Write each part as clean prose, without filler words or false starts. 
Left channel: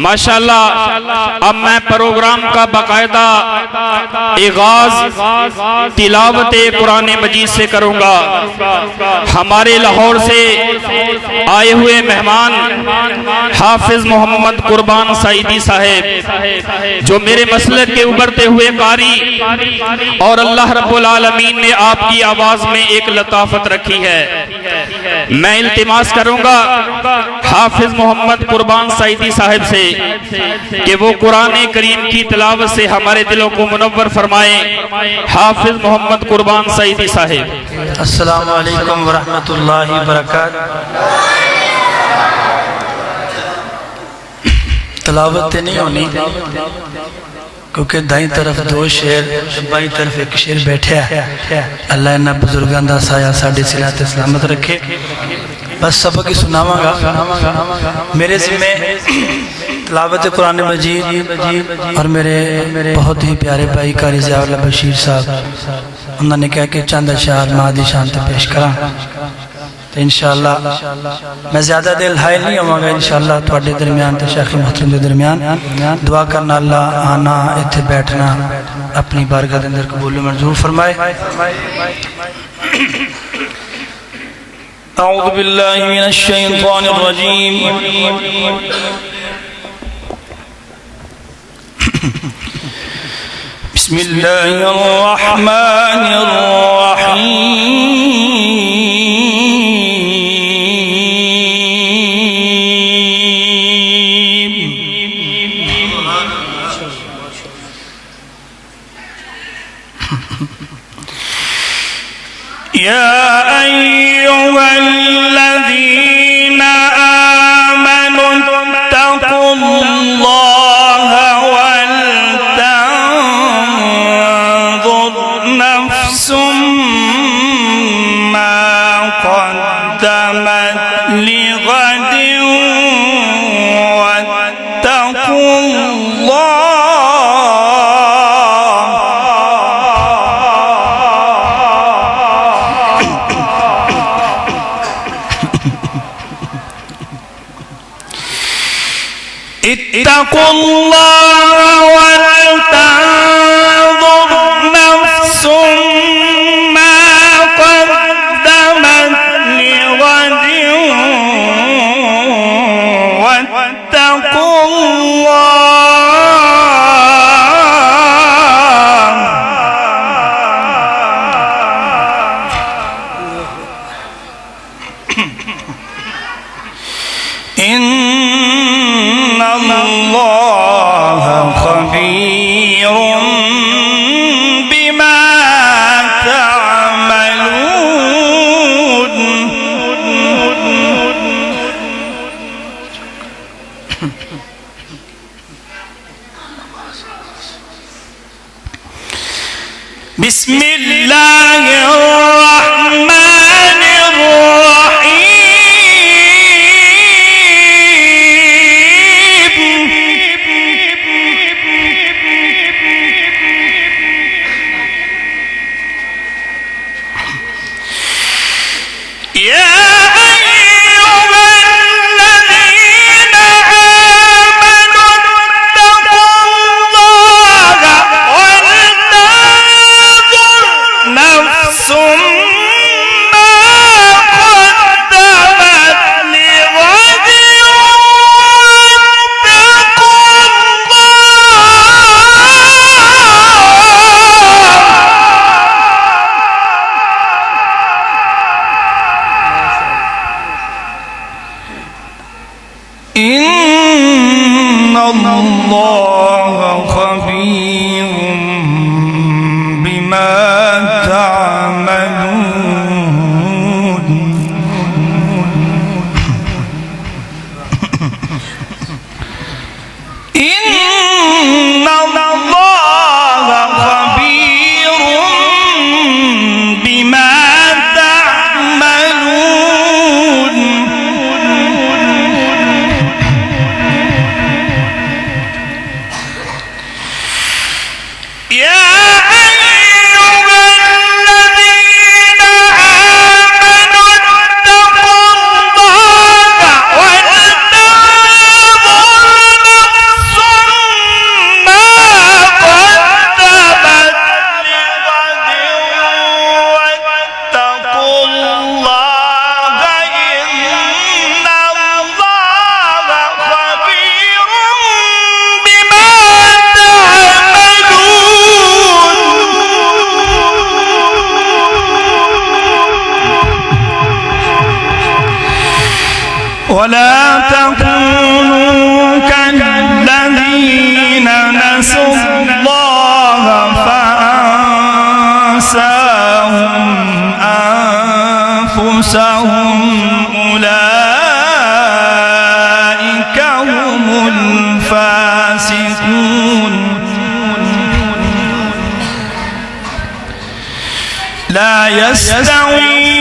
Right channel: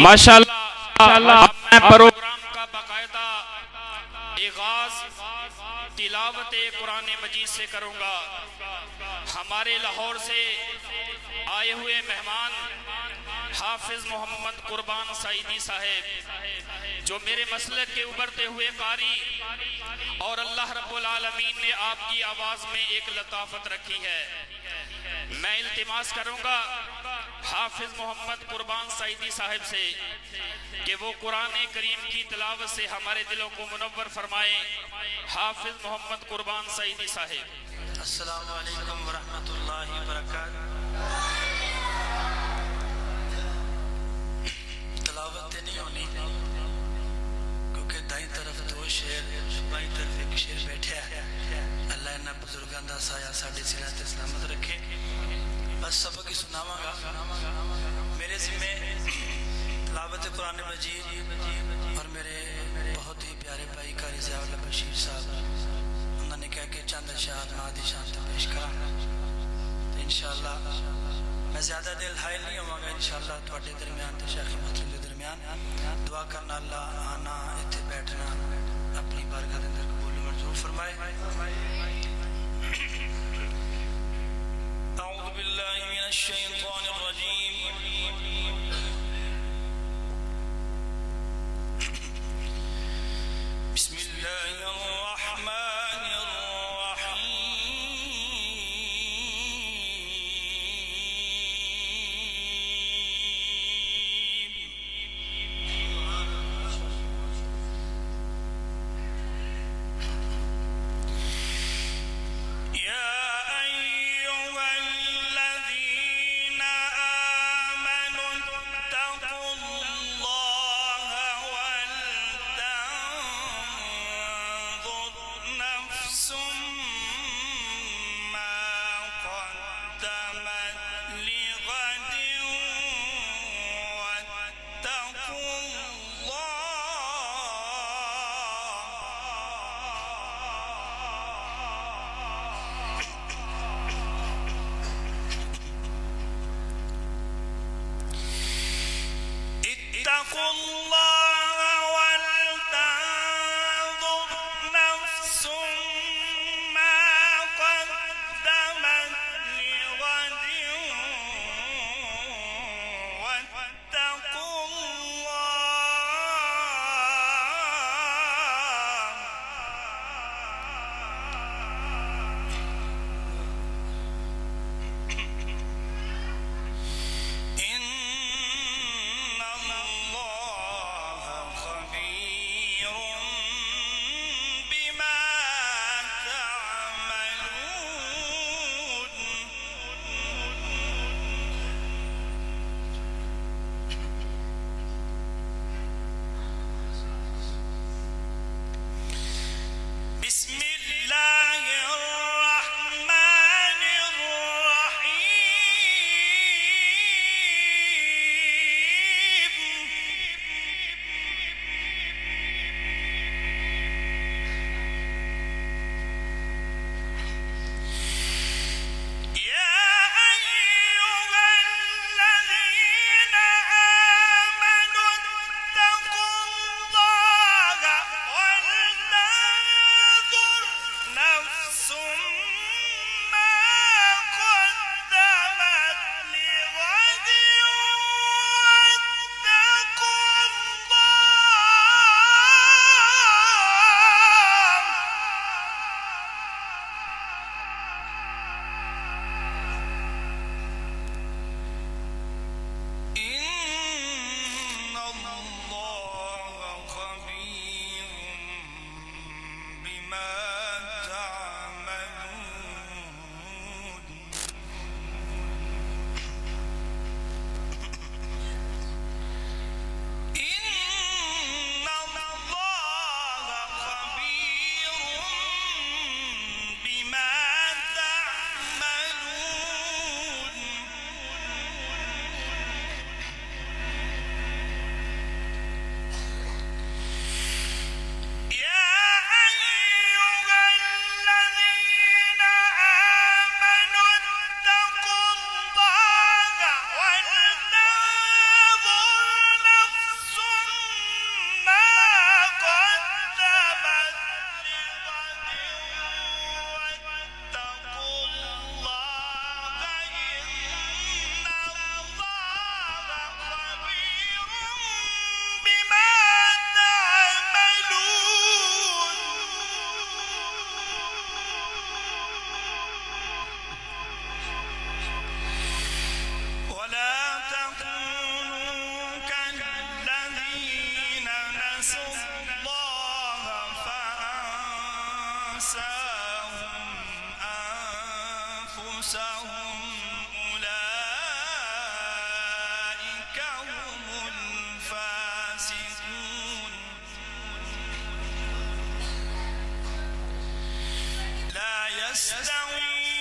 माशाअल्लाह अब मैं प्रोग्राम का बाकायदा आगाज तिलावत कुरान मजीद से करूंगा। हमारे लाहौर से आए हुए मेहमान हाफिज मोहम्मद कुर्बान सईदी साहेब, जो मेरे मसलक के उभरते हुए कारी, और अल्लाह रब्बुल आलमीन ने आपकी आवाज में एक लताफत रखी है। मैं इल्तिमास करूंगा हाफिज मोहम्मद कुर्बान सईदी साहिब से कि वो कुरान करीम की तिलावत से हमारे दिलों को मुनव्वर फरमाए। हाफिज मोहम्मद कुर्बान सईदी साहिब। अस्सलामु अलैकुम व रहमतुल्लाहि व बरकातहू। तिलावत नहीं होनी क्योंकि दाई तरफ दो शेर, बाई तरफ एक शेर बैठा है। अल्लाह इन्हां बुजुर्गों का साया साडी सिलत सलामत रखे। बस सबक ही सुनावांगा। मेरे ज़िम्मे तिलावत कुरान मजीद और मेरे बहुत ही प्यारे भाई कारी ज़ियाउल्लाह बशीर साहब उन्होंने कहा कि चंद अशार मां दी शान ते पेश करा। तो इंशाअल्लाह मैं ज़्यादा देर हायल नहीं होवांगा। इंशाअल्लाह तुहाडे दरमियान ते शेख मोहतरम के दरमियान दुआ करना अल्लाह आना इत्थे बैठना अपनी बारगाह के अंदर कबूल मंजूर फरमाए। अऊज़ु बिल्लाहि मिनश शैतानिर रजीम। बिस्मिल्लाहिर रहमानिर रहीम। या अय्युहल्लज़ीना आमनू इत्तक़ुल्लाहा वल तंज़ुर नफ्सुम मा क़द्दमत लिग़दिन वत्तक़ुल्लाह। इत्तक़ुल्लाह वल तंज़ुर नफ्सुम मा क़द्दमत लिग़दिन वत्तक़ुल्लाह। इन्नल्लाह ख़बीरुम बिमा तअमलून। बिस्मिल्लाहिर रहमानिर इन्नल्लाह ख़बीरुम बिमा तअमलून। इन्नल्लाह ख़बीरुम बिमा तअमलून। ولا تكونوا كالذين نسوا الله فأنساهم أنفسهم أولئك هم الفاسقون لا يستوي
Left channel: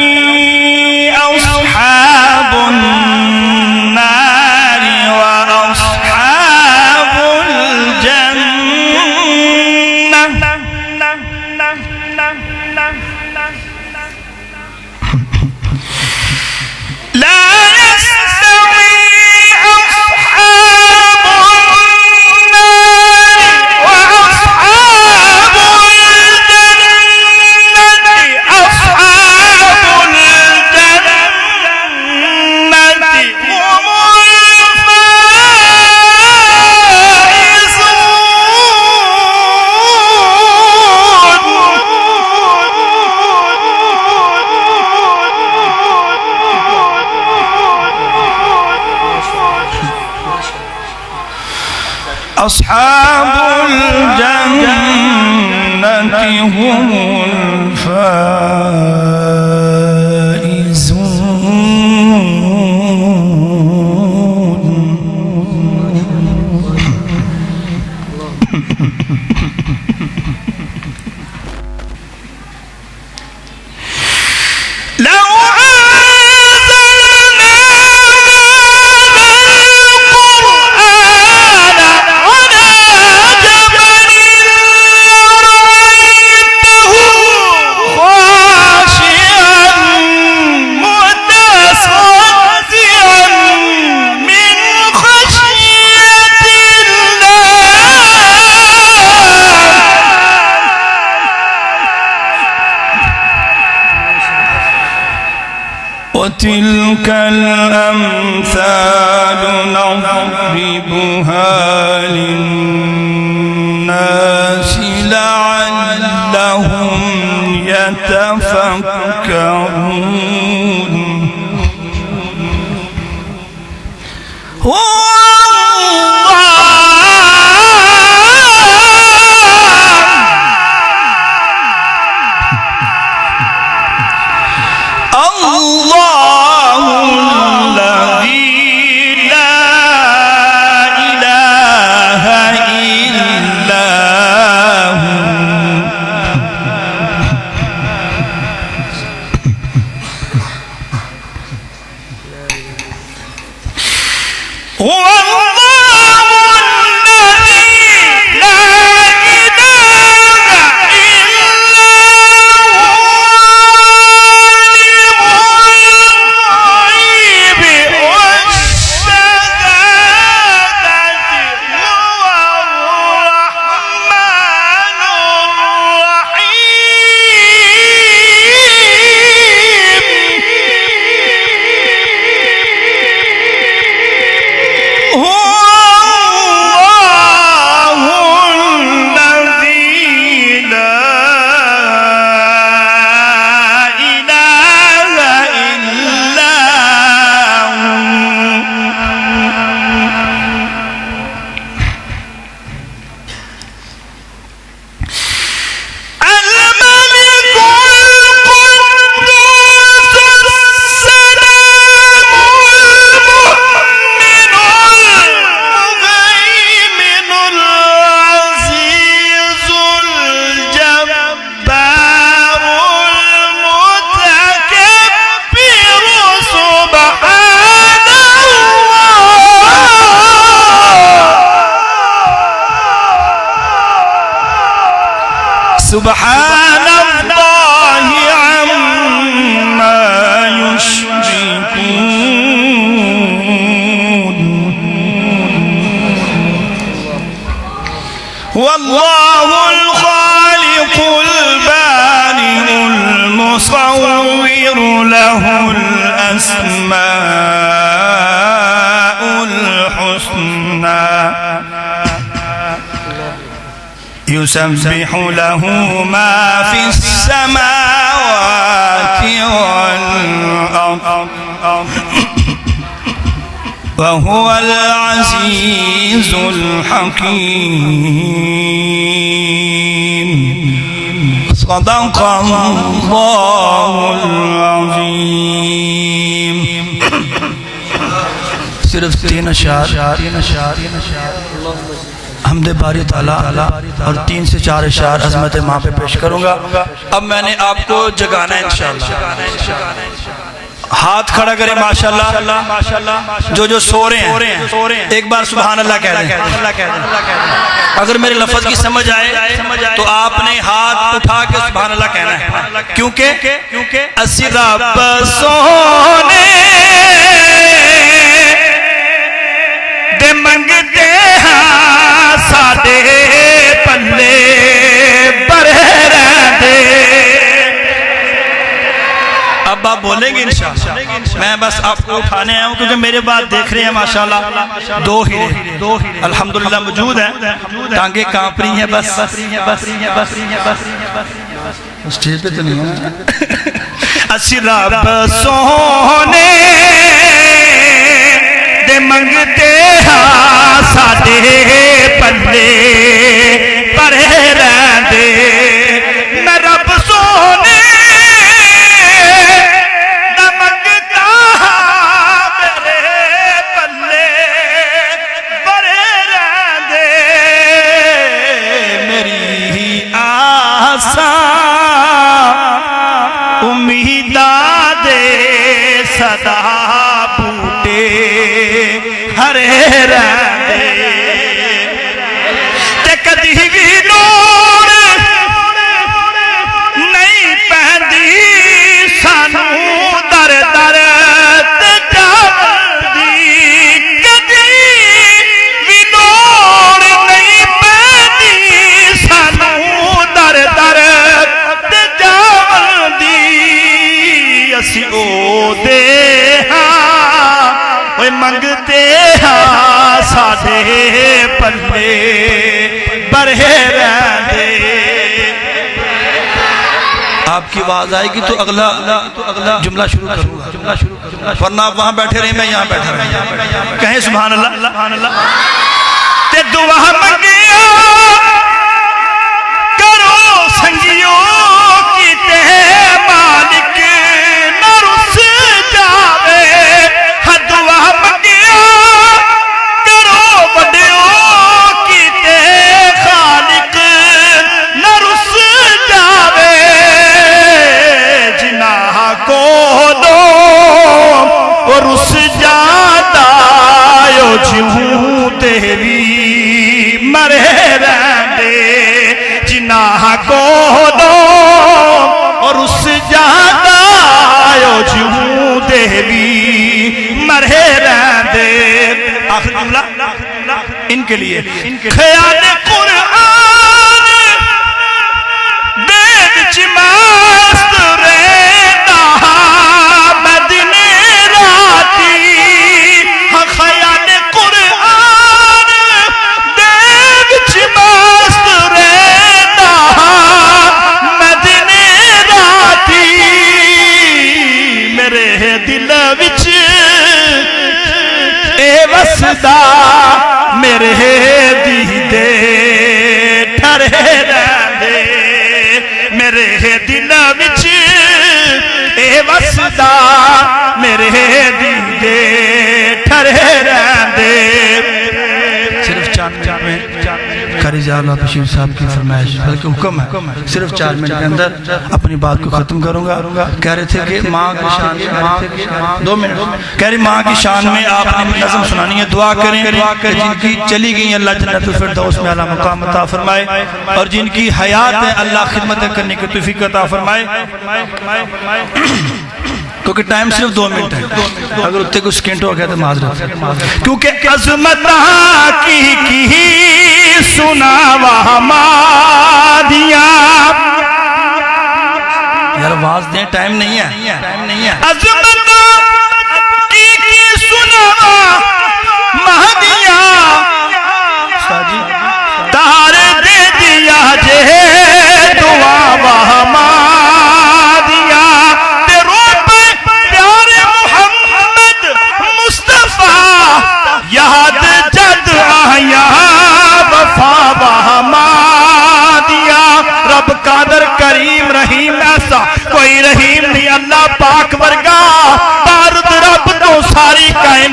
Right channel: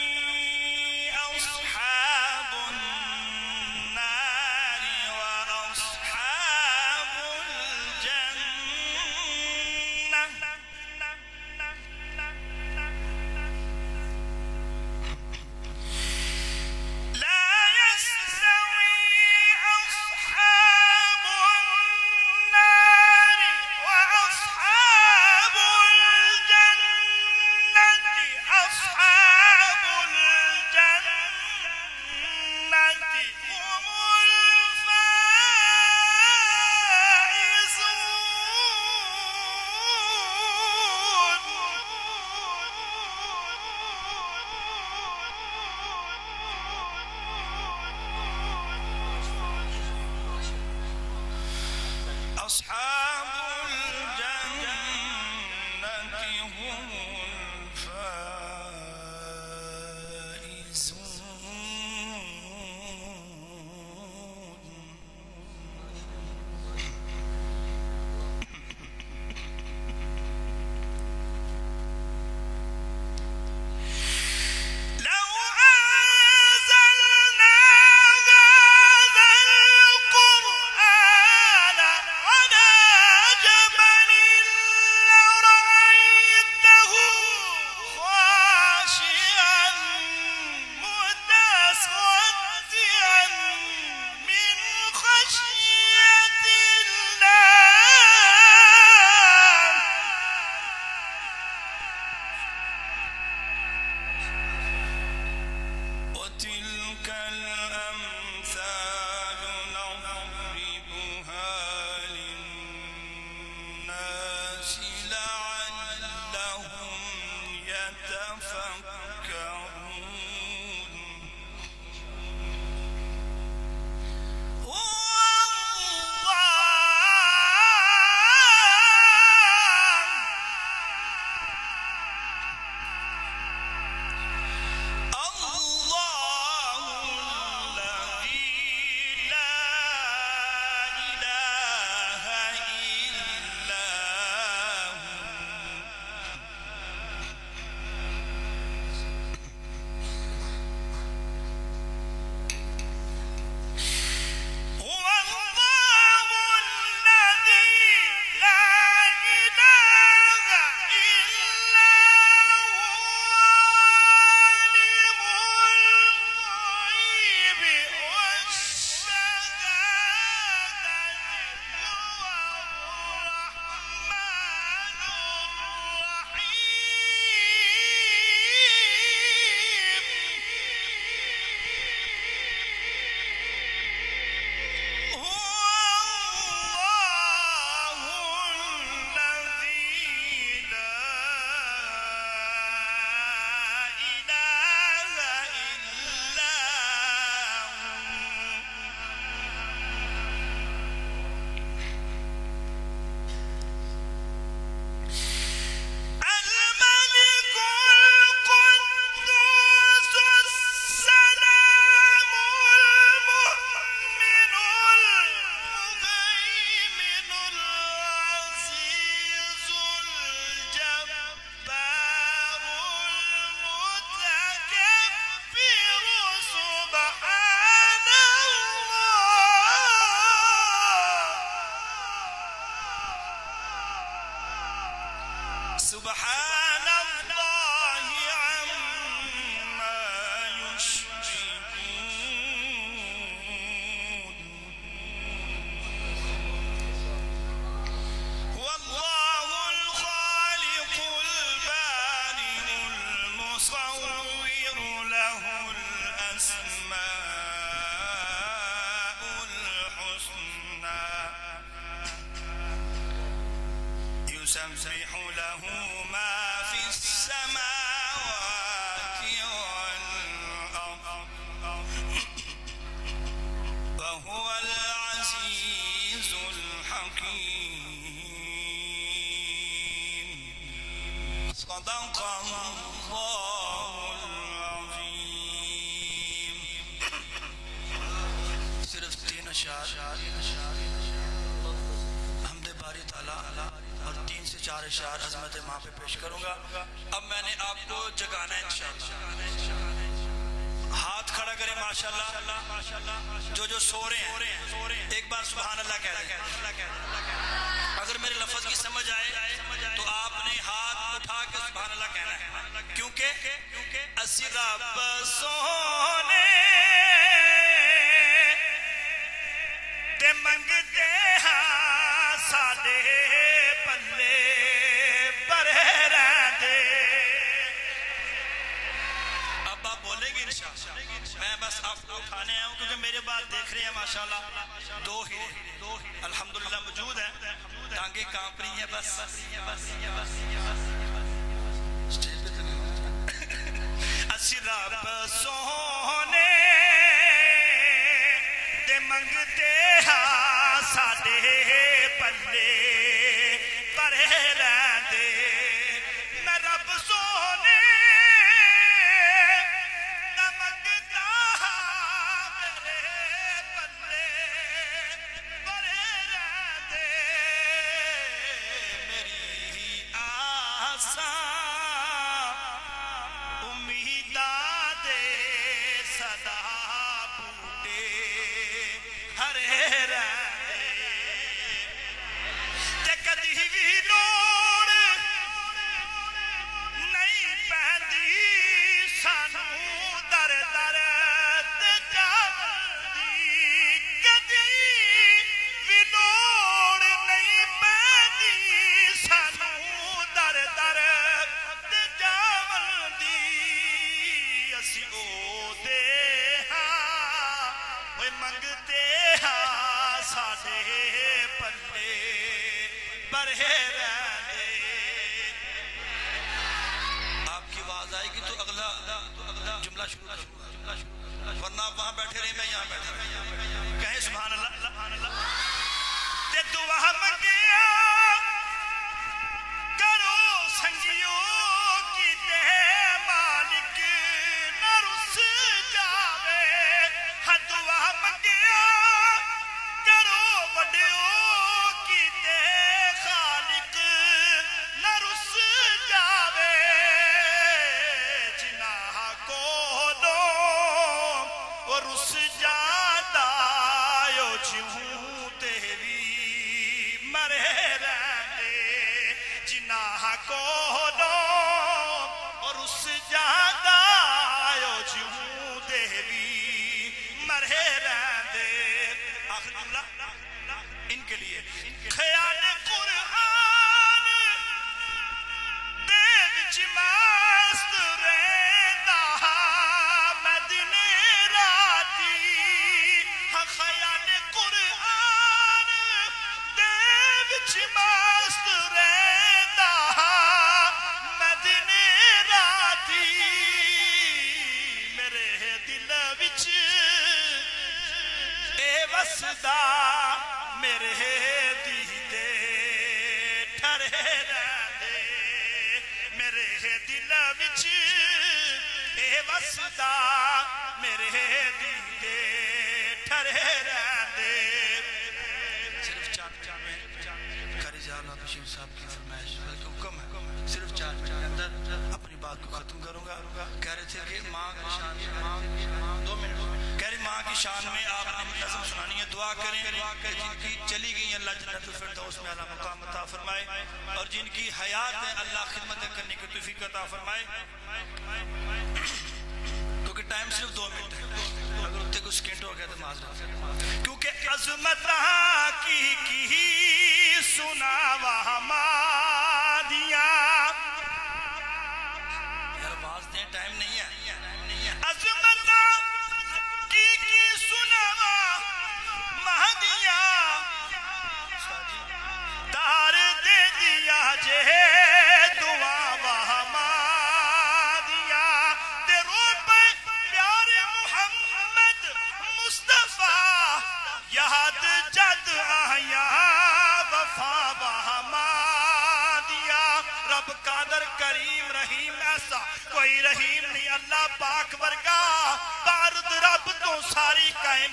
أصحاب النار وأصحاب الجنة لا يستوي أصحاب النار وأصحاب الجنة أصحاب الجنة هم الفائزون. أصحاب الجنة هم الفائزون. لو وتلك الأمثال نضربها للناس لعلهم يتفكرون. الله الذي لا إله إلا هو سبحان الله عما يشركون. والله الخالق البارئ المصور له الأسماء الحسنى يسبح له ما في السماوات والأرض وهو العزيز الحكيم صدق الله العظيم. صرف 3 اشعار حمد باری تعالیٰ اور 3 سے 4 اشعار عظمت ماں پہ پیش کروں گا. اب میں نے آپ کو جگانا ہے انشاءاللہ. ہاتھ کھڑا کریں ماشاءاللہ. جو سو رہے ہیں ایک بار سبحان اللہ کہہ دیں. اگر میرے لفظ کی سمجھ آئے تو آپ نے ہاتھ اٹھا کے سبحان اللہ کہنا ہے. کیونکہ اسی رب سونے دے منگتے ہاں ساڈے پلے بھرے رہندے. اب آپ بولیں گے انشاءاللہ. میں بس آپ کو اٹھانے آیا ہوں کیونکہ میرے بعد دیکھ رہے ہیں ماشاءاللہ 2 ہیرے الحمدللہ موجود ہیں. ٹانگیں کانپ رہی ہیں. بس اسٹیج پہ تو نہیں ہے. اسی رب سونے دے منگتے ہاں ساڈے پلے بھرے رہندے. میں رب سونے دا منگتا ہاں میرے پلے بھرے رہندے. میری آساں امیداں دے صدا ہرے رہندے. تے کدی بھی لوڑ نہیں پیندی سانو در در تے جاندی. کدی بھی لوڑ نہیں پیندی سانو در در تے جاندی. اسی او دے منگتے ہاں ساڈے پلے بھرے رہندے. آپ کی آواز آئے گی تو اگلا جملہ شروع کروں گا. ورنہ آپ وہاں بیٹھے رہے میں یہاں بیٹھا رہے. کہیں سبحان اللہ. تے دعا منگیا کرو سنگیو کیتے مالک نہ رس جاوے. دعا منگیا کرو وڈیو کیتے خالق نہ رس جاوے. جناح کو دو وہ رس جاتا یو جیوں تیری مرے رہندے. جناح کو دو اور رس جاتا یو جیوں تیری مرے رہندے. آخر جملہ ان کے لیے. خیال قرآن دے وچ مست رہندا میں دن راتی. خیال قرآن دے وچ مست رہندا میں دن راتی. میرے دل وچ وسدا میرے دیدے ٹھرے رہندے. میرے دل وچ اے وسدا میرے دیدے ٹھرے رہندے. صرف 4 منٹ میں قاری ضیاءاللہ بشیر صاحب کی فرمائش بلکہ حکم ہے. صرف 4 منٹ کے اندر اپنی بات کو ختم کروں گا. کہہ رہے تھے کہ ماں کی شان میں 2 منٹ کہہ رہے ماں کی شان میں آپ نے نظم سنانی ہے. دعا کریں جن کی چلی گئی اللہ جنت الفردوس میں اعلیٰ مقام عطا فرمائے اور جن کی حیات ہے اللہ خدمت کرنے کی توفیق عطا فرمائے. کیونکہ ٹائم صرف 2 منٹ ہے. اگر اتنے کوئی سکنٹ ہو گیا تو معذرت. کیونکہ عظمت کی سناوا مادیاں. یار آواز دیں ٹائم نہیں ہے. عظمت کی سناوا مادیاں. تار دے دیا جے دعا وہما دیا. تیروں پہ پیارے محمد مصطفیٰ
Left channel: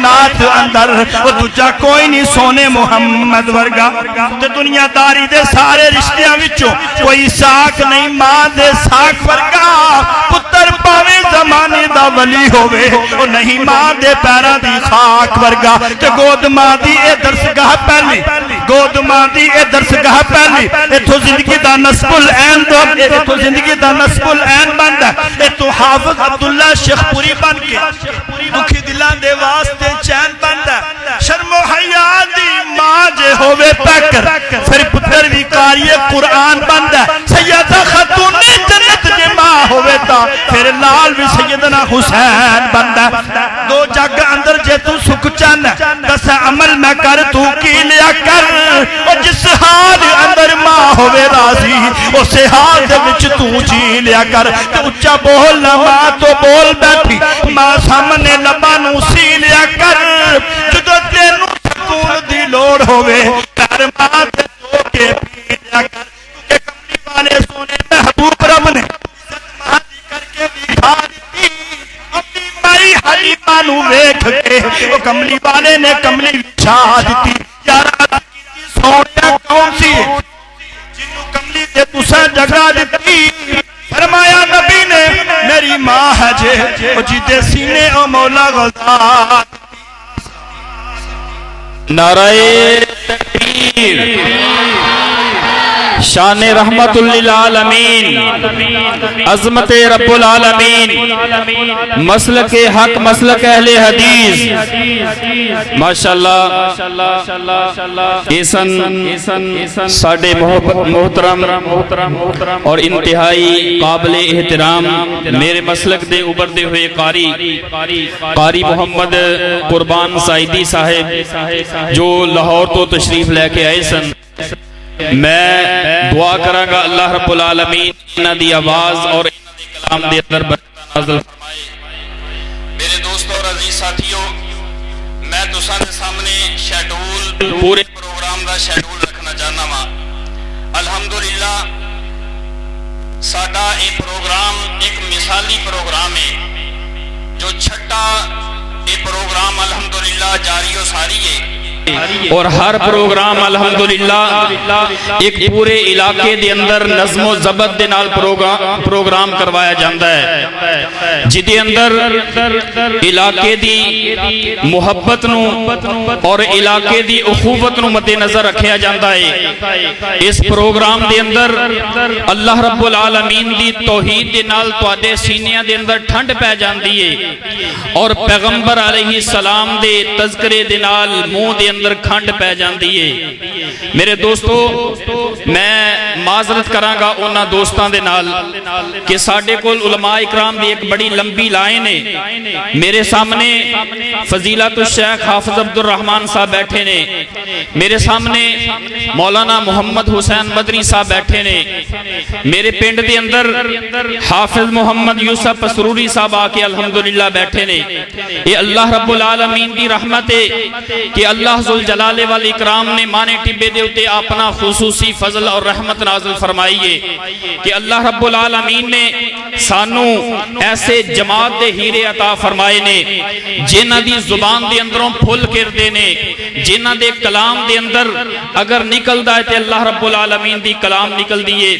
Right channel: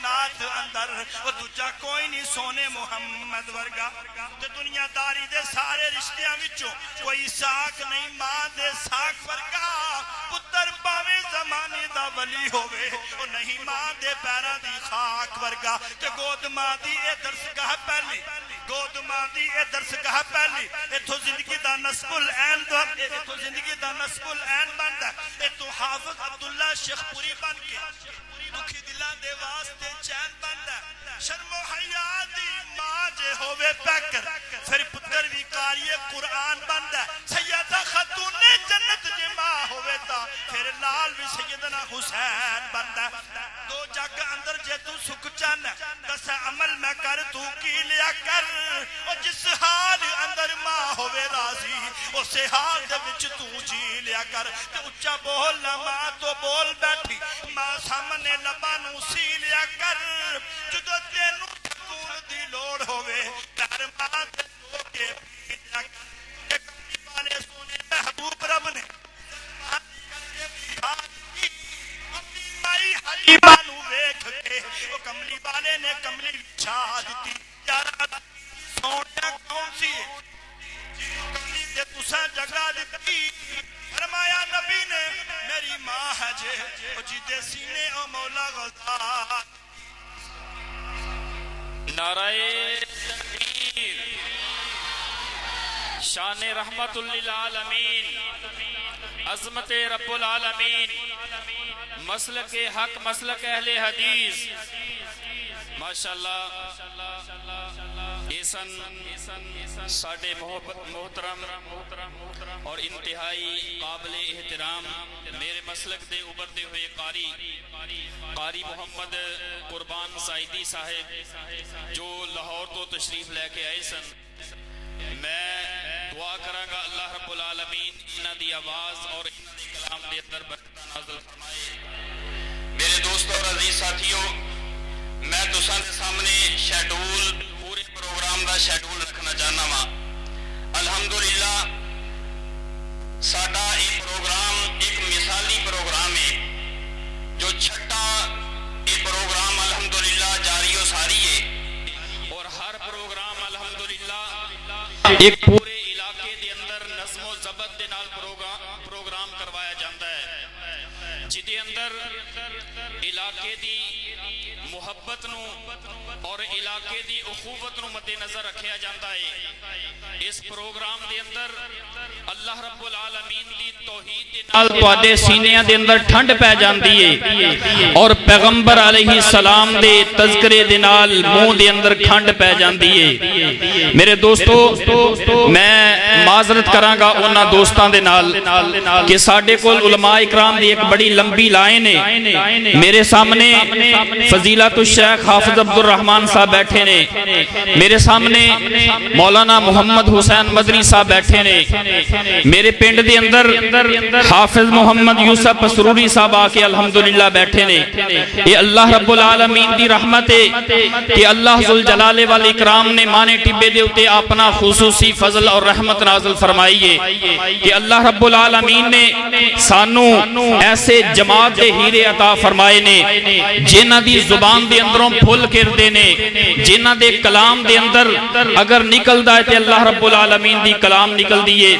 کائنات اندر وہ دوجا کوئی نہیں سونے محمد ورگا تے دنیا داری دے سارے رشتیاں وچوں کوئی ساکھ نہیں ماں دے ساکھ ورگا پتر پاوے زمانے دا ولی ہوئے وہ نہیں ماں دے پیرا دی خاک ورگا تے گود ماں دی اے درسگاہ پہلی گود ماں دی اے درسگاہ پہلی اے تو زندگی دا نصب العین دو اے تو زندگی دا نصب العین بند ہے اے تو حافظ عبداللہ شیخ پوری بن کے دکھی دلان دے واسطے چین بند ہے شرم و حیا دی ماں جے ہوئے پیکر پھر پتر بھی قاری قرآن بند ہے سیدہ خاتون جنت جے ماں ہوئے تا پھر لال بھی سیدنا حسین بند ہے دو جگ اندر جے تو سکھ چن دس عمل میں کر تو کی لیا کر اور جس حال اندر ماں ہوئے راضی اسے حال دے وچ تو جی لیا کر تو اچھا بولنا ماں تو بول بیٹھی ماں سامنے لبا نو سی لیا کر جدو تینو سکون دی لوڑ ہوئے کر ماں تے دو کے پی لیا کر کہ کملی والے سونے محبوب رب نے ماں دی کر کے بٹھا دی اپنی مائی حلیمہ نو ویکھ کے وہ کملی والے نے کملی بچھا دیتی یارا سونے کون سی جنہوں کملی دے تسا جگہ دیتی فرمایا نبی نے میری ماں ہے جے وہ جیدے سینے او مولا غزار نعرہ تکبیر شان رحمت للعالمین عظمت رب العالمین مسلک حق مسلک اہل حدیث ماشاءاللہ ایسن ساڑے محترم اور انتہائی قابل احترام میرے مسلک دے ابردے ہوئے قاری محمد قربان سعیدی صاحب جو لاہور تو تشریف لے کے آئے سن میں دعا کروں گا اللہ رب العالمین انہاں دی آواز اور انہاں دی کلام دے اندر برکت نازل فرمائے میرے دوستوں اور عزیز ساتھیوں میں تساں دے سامنے شیڈول پورے پروگرام دا شیڈول رکھنا چاہنا وا الحمدللہ ساڈا یہ پروگرام ایک مثالی پروگرام ہے جو چھٹا یہ پروگرام الحمدللہ جاری و ساری ہے اور ہر پروگرام الحمدللہ ایک پورے علاقے دے اندر نظم و ضبط دے نال پروگرام کروایا جاندہ ہے جدے اندر علاقے دی محبت نو اور علاقے دی اخوت نو مد نظر رکھیا جاندہ ہے اس پروگرام دے اندر اللہ رب العالمین دی توحید دے نال توادے سینیاں دے اندر ٹھنڈ پہ جاندی ہے اور پیغمبر علیہ السلام دے تذکرے دے نال منہ دے اندر کھنڈ پہ جاندی ہے میرے دوستو میں معذرت کراں گا انہاں دوستاں دے نال کہ ساڈے کول علماء اکرام دی ایک بڑی لمبی لائن ہے میرے سامنے فضیلت الشیخ حافظ عبد الرحمن صاحب بیٹھے نے میرے سامنے مولانا محمد حسین مدنی صاحب بیٹھے نے میرے پنڈ دے اندر حافظ محمد یوسف سروری صاحب آکے الحمدللہ بیٹھے نے یہ اللہ رب العالمین دی رحمت ہے کہ اللہ ذوالجلال والاکرام نے مانے ٹبے دے اتے اپنا خصوصی فضل اور رحمت نازل فرمائیے کہ اللہ رب العالمین نے سانو ایسے جماعت دے ہیرے عطا فرمائے نے جنہ دی زبان دے اندروں پھل کر دینے جنہ دے کلام دے اندر اگر نکل دائے تے اللہ رب العالمین دی کلام نکل دیئے